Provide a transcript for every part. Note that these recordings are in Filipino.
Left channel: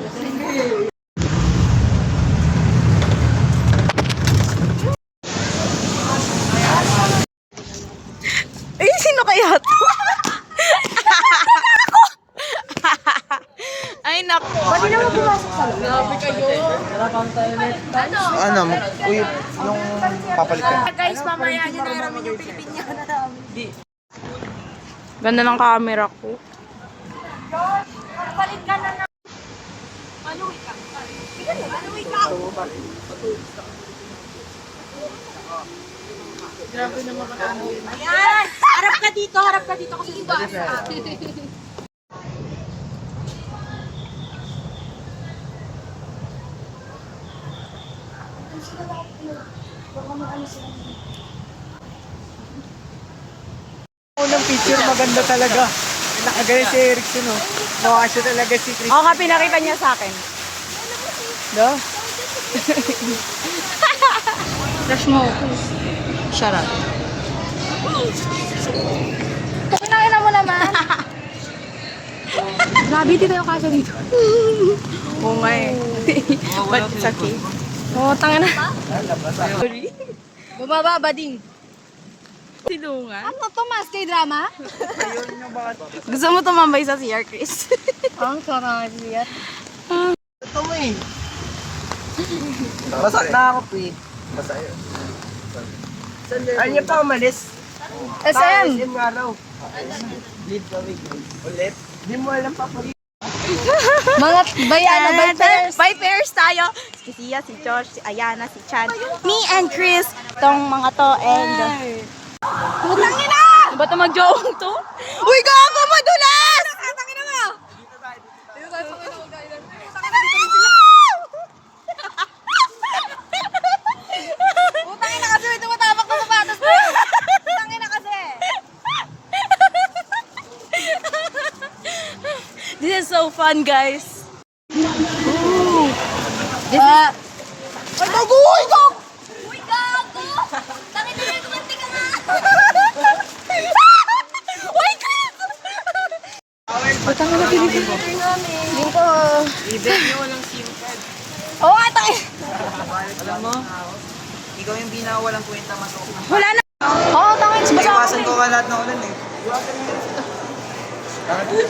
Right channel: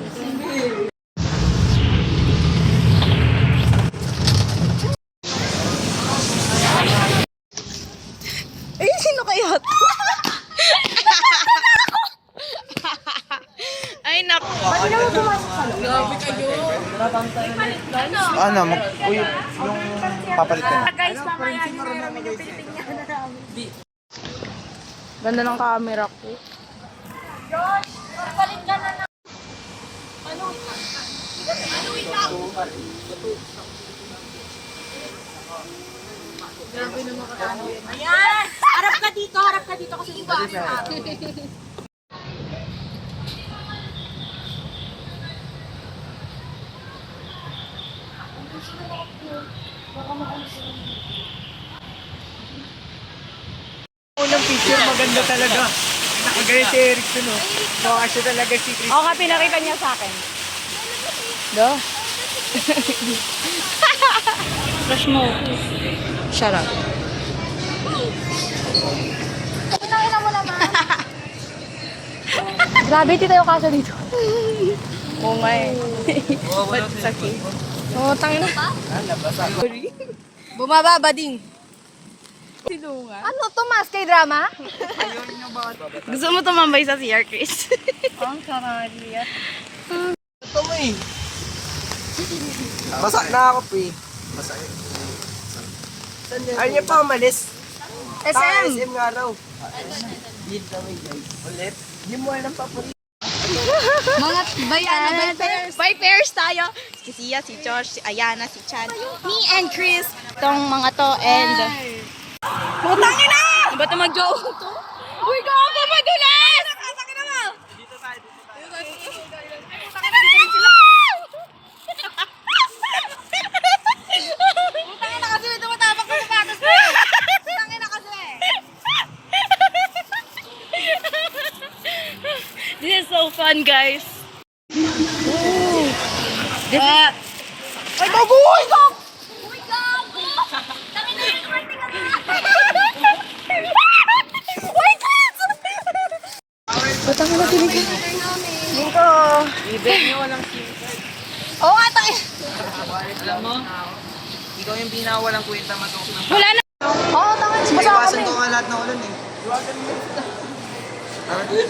Ay, sino kaya to? Ay, naku. Ba't hindi naman pumasok sa loob? Grabe kayo. Ano, yung papalit ka. Guys, mamaya nyo namin yung Pilipiniana namin. Ganda ng camera ko. Josh, magpalit ka na. Ano, wait lang. Ano, wait lang. Grabe naman ano. Ayan! Harap ka dito kasi hindi ako yung Unang picture, maganda talaga. Nakagaya si Erickson, no? Mukha siya talaga si Chris. Oo, pinakita niya sa akin. Do? Crush mo. Shut up. Ina mo naman. Grabe, dito yung kaso dito. Oo nga eh. Ba't sakit? Oo, tanga na. Sorry. Bumaba ba ding? Silungan. Ano to, mas kay drama? Ayun nyo ba? Gusto mo tumambay sa CR, Chris? Ang sarap yan. Ito mo eh. Basa na ako, pre. Basa yun. Saan yun? Ayun pa umalis. SM! SM nga raw. Lead kami, guys. Ulit? Di mo alam pa po. Mga by pairs. By pairs tayo. Si Sia, si Josh, si Ayana, si Chan, me and Chris. Tong mga to and... Putang ina! Ba't na mag-joong to? Uy, gago! Madulas! Tangin na mo! Dito tayo. Tangin na dito sila! Putang ina kasi tumatapak sa sapatos mo! Putang ina kasi! This is so fun, guys. Ooh. This is... Ay, gago! Uy, gago! Uy, gago! Tangin na yung konti ka na! Uy, Chris! Putang na pinipin. Yung ko. Leader nyo walang SIM card. Oo nga, tangin. Alam mo, ikaw yung binawalang kwenta masok na. Wala na. Oo, tangin. Basa Iwasan ko ka lahat na ulan eh.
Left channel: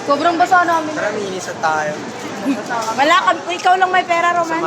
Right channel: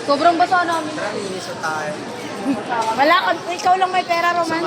Sobrang basa namin. Tara, minisan tayo. Wala ka. Ikaw lang may pera, Roman.